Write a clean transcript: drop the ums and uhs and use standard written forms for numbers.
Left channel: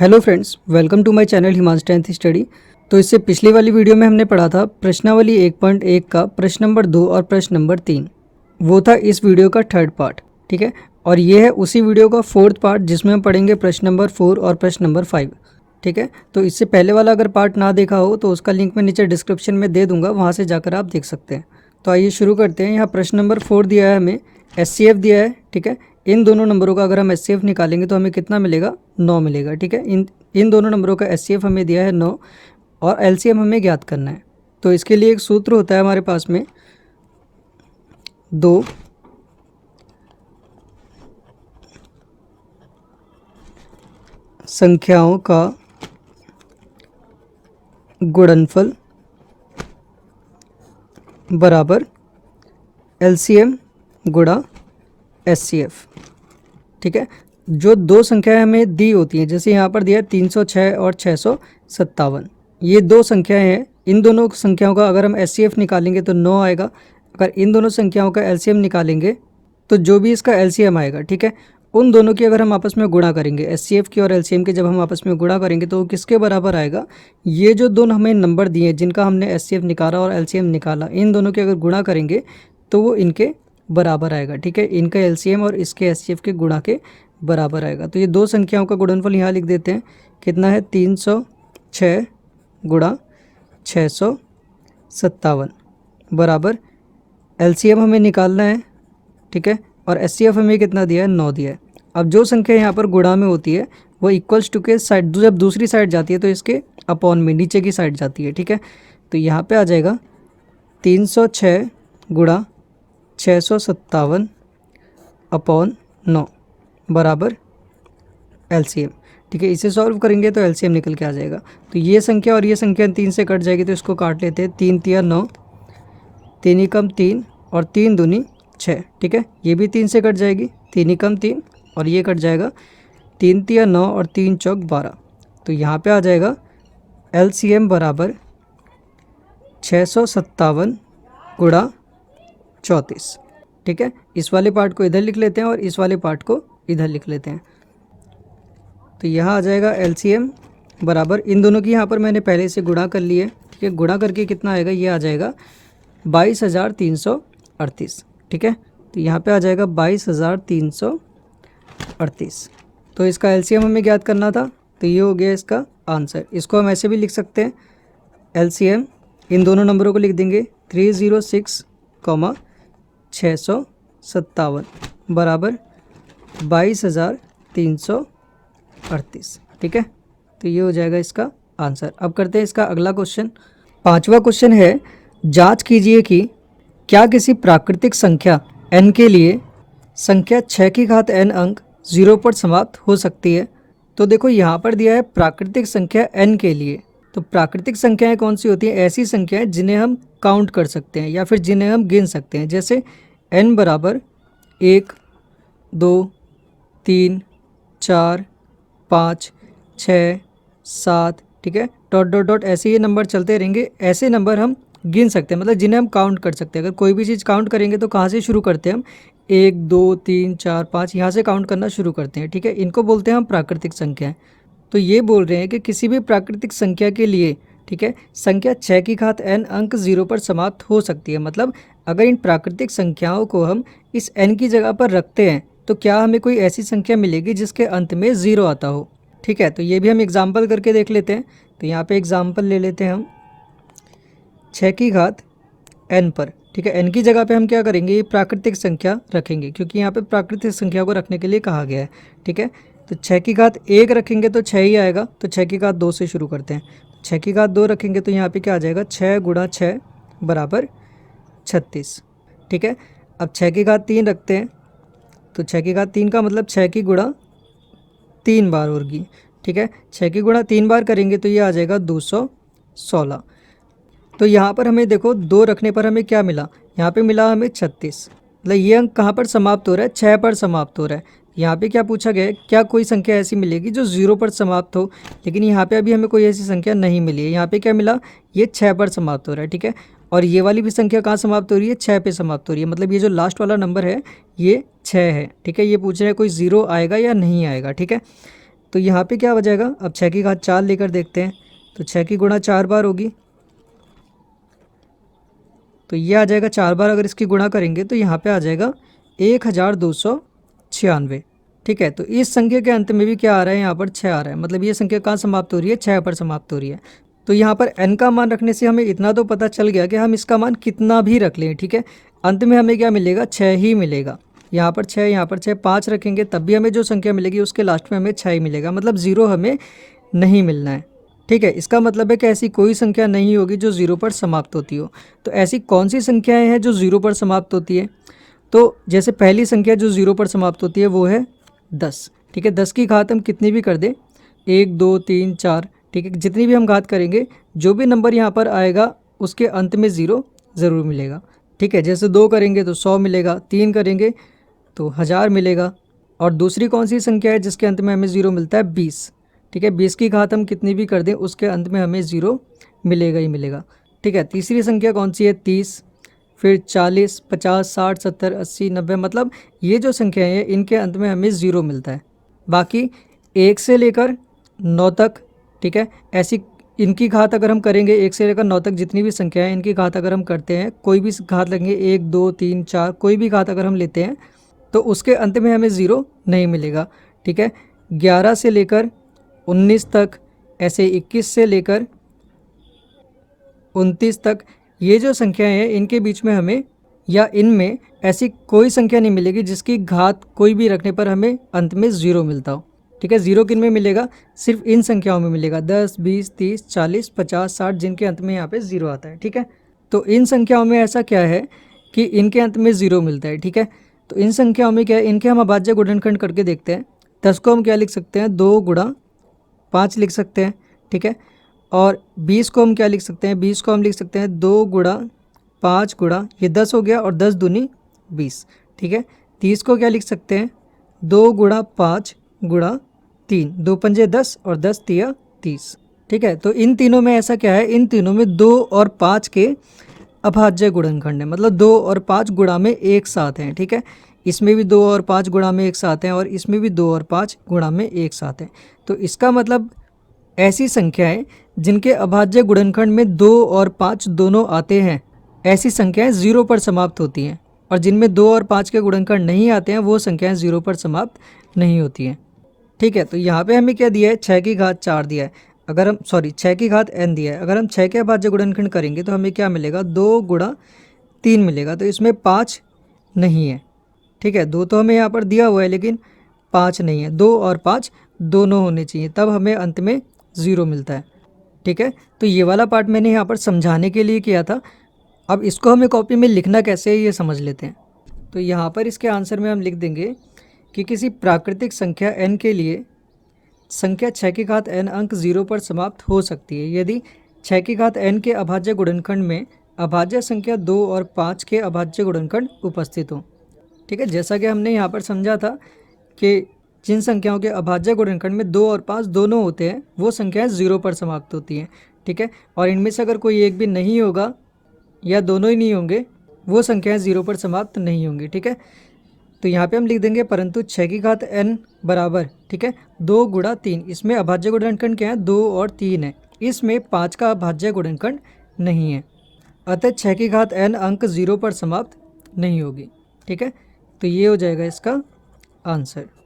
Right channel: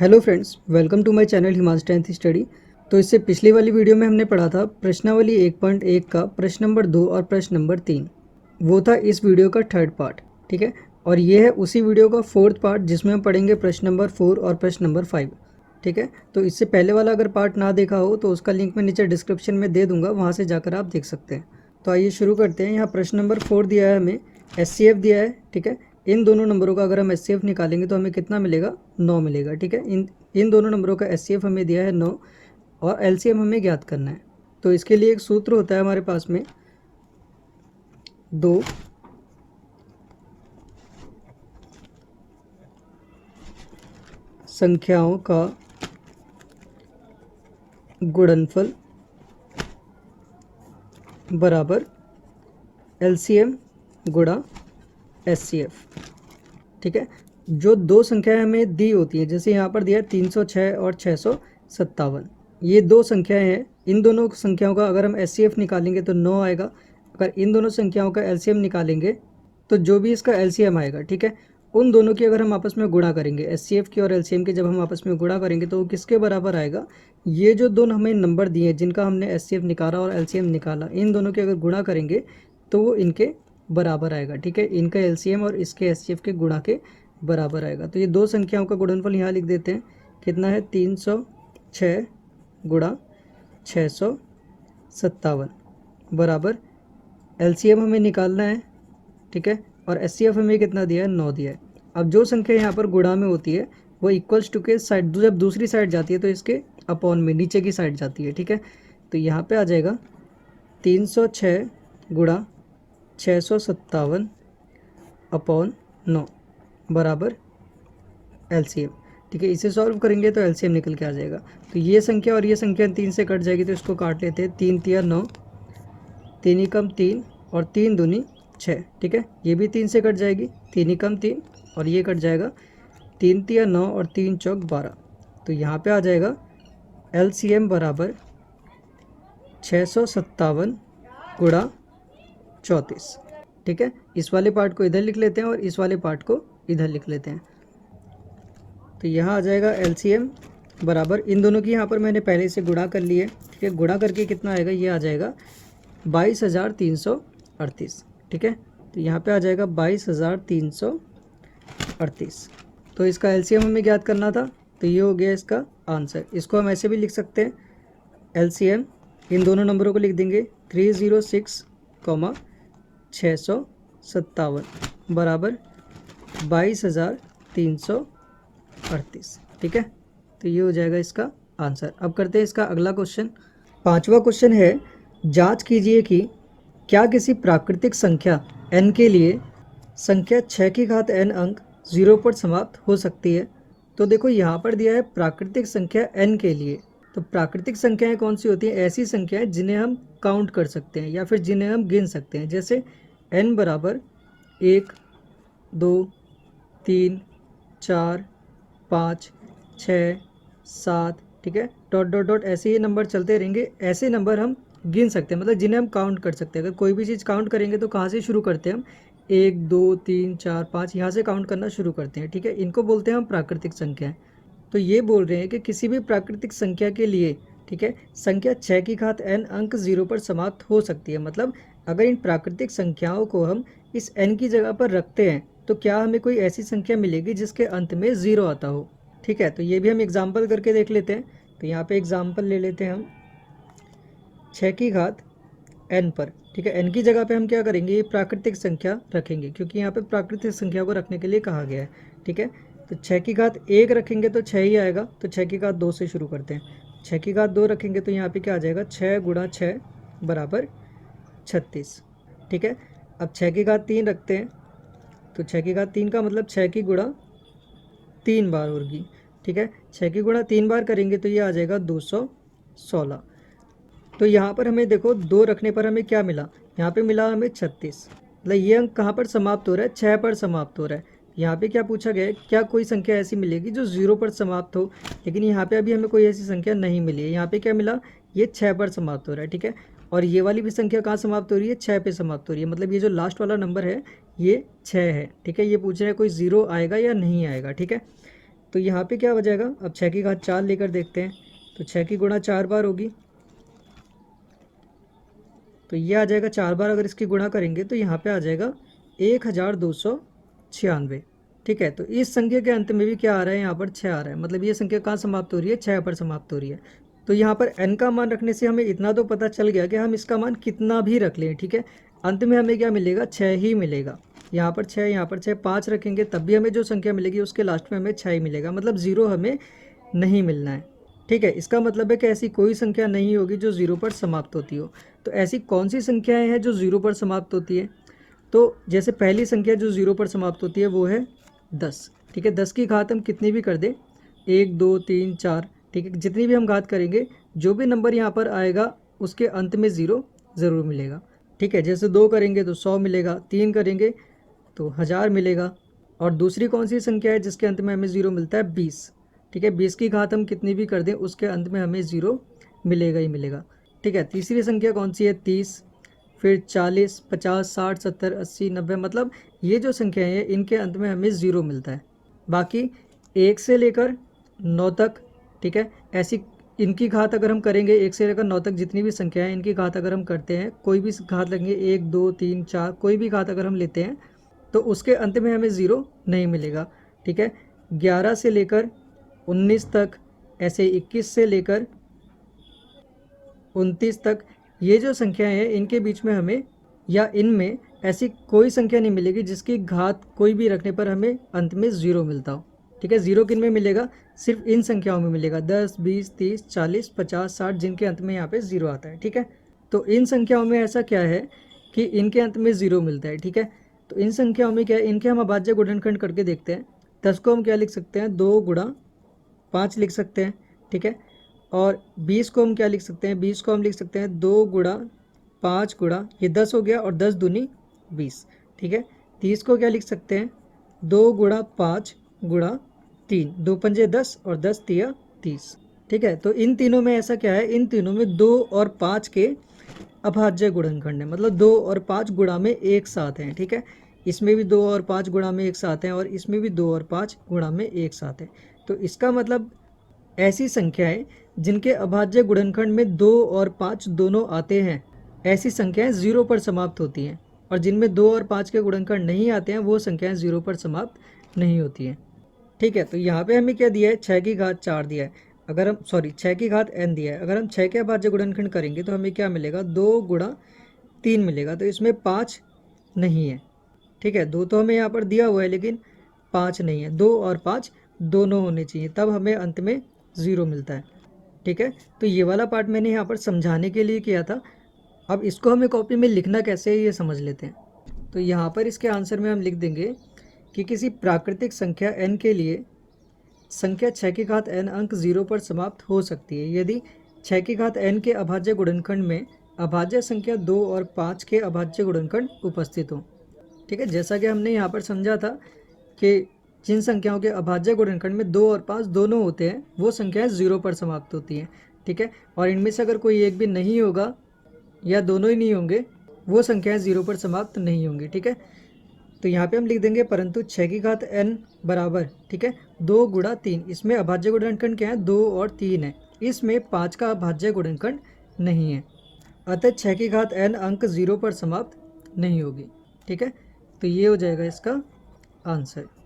Hello friends, welcome to my channel Himansh 10th study. तो इससे पिछली वाली वीडियो में हमने पढ़ा था प्रश्नावली 1.1 का प्रश्न नंबर 2 और प्रश्न नंबर 3। वो था इस वीडियो का थर्ड पार्ट, ठीक है। और ये है उसी वीडियो का फोर्थ पार्ट जिसमें हम पढ़ेंगे प्रश्न नंबर 4 और प्रश्न नंबर 5, ठीक है। तो इससे पहले वाला अगर पार्ट ना देखा हो तो उसका लिंक मैं नीचे डिस्क्रिप्शन में दे दूंगा, वहाँ से जाकर आप देख सकते हैं। तो आइए शुरू करते हैं। यहाँ प्रश्न नंबर 4 दिया है हमें, SCF दिया है, ठीक है। इन दोनों नंबरों का अगर हम SCF निकालेंगे तो हमें कितना मिलेगा? 9 मिलेगा, ठीक है। इन दोनों नंबरों का SCF हमें दिया है 9 और LCM हमें ज्ञात करना है। तो इसके लिए एक सूत्र होता है हमारे पास में, दो संख्याओं का गुणनफल बराबर LCM गुणा SCF, ठीक है। जो दो संख्याएं हमें दी होती हैं, जैसे यहाँ पर दिया है 306 और 657, ये दो संख्याएं हैं। इन दोनों संख्याओं का अगर हम SCF निकालेंगे तो 9 आएगा। अगर इन दोनों संख्याओं का LCM निकालेंगे तो जो भी इसका LCM आएगा, ठीक है, उन दोनों की अगर हम आपस में गुणा करेंगे, SCF की और LCM की जब हम आपस में गुणा करेंगे तो वो किसके बराबर आएगा? ये जो दोनों हमें नंबर दिए जिनका हमने SCF निकाला और LCM निकाला, इन दोनों के अगर गुणा करेंगे तो वो इनके बराबर आएगा, ठीक है। इनका LCM और इसके SCF के गुणा के बराबर आएगा। तो ये दो संख्याओं का गुणनफल यहाँ लिख देते हैं। कितना है? 306 गुणा 657 बराबर LCM हमें निकालना है, ठीक है। और SCF हमें कितना दिया है? 9 दिया है। अब जो संख्या यहाँ पर गुणा में होती है वो इक्वल्स टू के साइड, जब दूसरी साइड जाती है तो इसके अपॉन में नीचे की साइड जाती है, ठीक है। तो यहाँ पे आ जाएगा 306 गुणा 657 अपॉन 9 बराबर LCM, ठीक है। इसे सॉल्व करेंगे तो LCM निकल के आ जाएगा। तो ये संख्या और ये संख्या 3 से कट जाएगी तो इसको काट लेते हैं। 3 तिया 9, 3 ही कम 3 और 3 दूनी 6, ठीक है। ये भी 3 से कट जाएगी, 3 ही कम 3 और ये कट जाएगा। 3 तिया 9 और 3 चौक 12। तो यहाँ पे आ जाएगा LCM बराबर 657 गुणा 34, ठीक है। इस वाले पार्ट को इधर लिख लेते हैं और इस वाले पार्ट को इधर लिख लेते हैं। तो यहाँ आ जाएगा LCM बराबर, इन दोनों की यहाँ पर मैंने पहले से गुणा कर लिए, ठीक है। गुणा करके कितना आएगा? ये आ जाएगा 22,338, ठीक है। तो यहाँ पे आ जाएगा 22,338। तो इसका LCM हमें ज्ञात करना था, तो ये हो गया इसका आंसर। इसको हम ऐसे भी लिख सकते हैं, LCM इन दोनों नंबरों को लिख देंगे 306, 657 बराबर 22,338, ठीक है। तो ये हो जाएगा इसका आंसर। अब करते हैं इसका अगला क्वेश्चन। पांचवा क्वेश्चन है, जांच कीजिए कि क्या किसी प्राकृतिक संख्या n के लिए संख्या 6 की घात n अंक 0 पर समाप्त हो सकती है। तो देखो यहाँ पर दिया है प्राकृतिक संख्या n के लिए। तो प्राकृतिक संख्याएं कौन सी होती हैं? ऐसी संख्याएं जिन्हें हम काउंट कर सकते हैं या फिर जिन्हें हम गिन सकते हैं। जैसे n बराबर 1, 2, 3, 4, 5, 6, 7, ठीक है, डॉट डॉट डॉट ऐसे ये नंबर चलते रहेंगे। ऐसे नंबर हम गिन सकते हैं, मतलब जिन्हें हम काउंट कर सकते हैं। अगर कोई भी चीज़ काउंट करेंगे तो कहाँ से शुरू करते हैं हम? 1, 2, 3, 4, 5, यहाँ से काउंट करना शुरू करते हैं, ठीक है। इनको बोलते हैं हम प्राकृतिक संख्याएं। तो ये बोल रहे हैं कि किसी भी प्राकृतिक संख्या के लिए, ठीक है, संख्या 6 की घात n अंक 0 पर समाप्त हो सकती है। मतलब अगर इन प्राकृतिक संख्याओं को हम इस n की जगह पर रखते हैं तो क्या हमें कोई ऐसी संख्या मिलेगी जिसके अंत में 0 आता हो, ठीक है। तो ये भी हम एग्जाम्पल करके देख लेते हैं। तो यहाँ पे एग्जाम्पल ले लेते हैं हम 6 की घात n पर, ठीक है। n की जगह पे हम क्या करेंगे? ये प्राकृतिक संख्या रखेंगे, क्योंकि यहाँ पे प्राकृतिक संख्या को रखने के लिए कहा गया है, ठीक है। तो 6 की घात 1 रखेंगे तो 6 ही आएगा। तो 6 की घात 2 से शुरू करते हैं। 6 की घात 2 रखेंगे तो यहाँ पे क्या आ जाएगा? 6 गुणा 6 बराबर 36, ठीक है। अब 6 की घात 3 रखते हैं। तो 6 की घात 3 का मतलब 6 की गुणा 3 बार होगी, ठीक है। 6 की गुणा 3 बार करेंगे तो ये आ जाएगा 216। तो यहाँ पर हमें देखो 2 रखने पर हमें क्या मिला? यहाँ पे मिला हमें 36। मतलब ये अंक कहाँ पर समाप्त हो रहा है? 6 पर समाप्त हो रहा है। यहाँ पे क्या पूछा गया है? क्या कोई संख्या ऐसी मिलेगी जो 0 पर समाप्त हो? लेकिन यहाँ पे अभी हमें कोई ऐसी संख्या नहीं मिली है। यहाँ पे क्या मिला? ये 6 पर समाप्त हो रहा है, ठीक है। और ये वाली भी संख्या कहाँ समाप्त हो रही है? 6 पे समाप्त हो रही है। मतलब ये जो लास्ट वाला नंबर है ये 6 है, ठीक है। ये पूछ रहे हैं कोई 0 आएगा या नहीं आएगा, ठीक है। तो यहाँ पे क्या हो जाएगा, अब 6 की घात 4 लेकर देखते हैं, तो 6 की गुणा 4 बार होगी, तो ये आ जाएगा 4 बार अगर इसकी गुणा करेंगे तो यहाँ पे आ जाएगा 1296। ठीक है, तो इस संख्या के अंत में भी क्या आ रहा है, यहाँ पर 6 आ रहा है, मतलब ये संख्या कहाँ समाप्त हो रही है, 6 पर समाप्त हो रही है। तो यहाँ पर n का मान रखने से हमें इतना तो पता चल गया कि हम इसका मान कितना भी रख लें, ठीक है, अंत में हमें क्या मिलेगा, 6 ही मिलेगा। यहाँ पर 6, यहाँ पर 6, 5 रखेंगे तब भी हमें जो संख्या मिलेगी उसके लास्ट में हमें 6 ही मिलेगा, मतलब 0 हमें नहीं मिलना है। ठीक है, इसका मतलब है कि ऐसी कोई संख्या नहीं होगी जो 0 पर समाप्त होती हो। तो ऐसी कौन सी संख्याएं हैं जो 0 पर समाप्त होती है, तो जैसे पहली संख्या जो 0 पर समाप्त होती है वो है 10। ठीक है, 10 की घात हम कितनी भी कर दें, 1 2 3 4, ठीक है, जितनी भी हम घात करेंगे जो भी नंबर यहाँ पर आएगा उसके अंत में 0 ज़रूर मिलेगा। ठीक है, जैसे 2 करेंगे तो 100 मिलेगा, 3 करेंगे तो 1000 मिलेगा। और दूसरी कौन सी संख्या है जिसके अंत में हमें 0 मिलता है, 20। ठीक है, 20 की घात हम कितनी भी कर दें उसके अंत में हमें 0 मिलेगा ही मिलेगा। ठीक है, तीसरी संख्या कौन सी है, 30, फिर 40, 50, 60, 70, 80, 90, मतलब ये जो संख्याएं हैं इनके अंत में हमें 0 मिलता है। बाकी 1 से लेकर 9 तक, ठीक है, ऐसी इनकी घात अगर हम करेंगे 1 से लेकर 9 तक जितनी भी संख्याएं हैं इनकी घात अगर हम करते हैं, कोई भी घात लेंगे 1 2 3 4, कोई भी घात अगर हम लेते हैं तो उसके अंत में हमें 0 नहीं मिलेगा। ठीक है, 11 से लेकर 19 तक, ऐसे 21 से लेकर 29 तक, ये जो संख्याएं हैं इनके बीच में हमें या इनमें ऐसी कोई संख्या नहीं मिलेगी जिसकी घात कोई भी रखने पर हमें अंत में 0 मिलता हो। ठीक है, 0 किन में मिलेगा, सिर्फ इन संख्याओं में मिलेगा, 10 20 30 40 50 60, जिनके अंत में यहाँ पे 0 आता है। ठीक है, तो इन संख्याओं में ऐसा क्या है कि इनके अंत में 0 मिलता है। ठीक है, तो इन संख्याओं में क्या है, इनके हम अभाज्य गुणनखंड करके देखते हैं। 10 को हम क्या लिख सकते हैं, 2 गुणा 5 लिख सकते हैं। ठीक है, और 20 को हम क्या लिख सकते हैं, 20 को हम लिख सकते हैं 2 गुणा 5 गुणा, ये 10 हो गया और 10 दूनी 20। ठीक है, 30 को क्या लिख सकते हैं, 2 गुणा 5 गुणा 3, 2 पंजे 10 और 10 तिया 30। ठीक है, तो इन तीनों में ऐसा क्या है, इन तीनों में 2 और 5 के अभाज्य गुणनखंड है, मतलब 2 और 5 गुणा में एक साथ हैं। ठीक है, इसमें भी 2 और 5 गुणा में एक साथ हैं और इसमें भी 2 और 5 गुणा में एक साथ हैं। तो इसका मतलब ऐसी संख्याएं जिनके अभाज्य गुणनखंड में 2 और 5 दोनों आते हैं, ऐसी संख्याएं 0 पर समाप्त होती हैं, और जिनमें 2 और 5 के गुणनखंड नहीं आते हैं वो संख्याएं 0 पर समाप्त नहीं होती हैं। ठीक है, तो यहाँ पे हमें क्या दिया है, 6 की घात 4 दिया है, अगर हम 6 की घात n दिया है, अगर हम 6 के अभाज्य गुणनखंड करेंगे तो हमें क्या मिलेगा, 2 गुणा 3 मिलेगा, तो इसमें 5 नहीं है। ठीक है, 2 तो हमें यहाँ पर दिया हुआ है लेकिन 5 नहीं है, 2 और 5 दोनों होने चाहिए, तब हमें अंत में 0 मिलता है। ठीक है, तो ये वाला पार्ट मैंने यहाँ पर समझाने के लिए किया था। अब इसको हमें कॉपी में लिखना कैसे है ये समझ लेते हैं। तो यहाँ पर इसके आंसर में हम लिख देंगे कि किसी प्राकृतिक संख्या n के लिए संख्या 6 की घात n अंक 0 पर समाप्त हो सकती है यदि 6 की घात n के अभाज्य गुणनखंड में अभाज्य संख्या 2 और 5 के अभाज्य गुणनखंड उपस्थित हो। ठीक है, जैसा कि हमने यहाँ पर समझा था कि जिन संख्याओं के अभाज्य गुणनखंड में 2 और 5 दोनों होते हैं वो संख्याएं 0 पर समाप्त होती हैं। ठीक है, और इनमें से अगर कोई एक भी नहीं होगा या दोनों ही नहीं होंगे वो संख्याएं 0 पर समाप्त नहीं होंगी। ठीक है, तो यहाँ पे हम लिख देंगे परंतु 6 की घात n बराबर, ठीक है, 2 गुणा 3, इसमें अभाज्य गुणनखंड क्या है, 2 और 3 है, इसमें 5 का अभाज्य गुणनखंड नहीं है, अतः 6 की घात n अंक 0 पर समाप्त नहीं होगी। ठीक है, तो ये हो जाएगा इसका आंसर।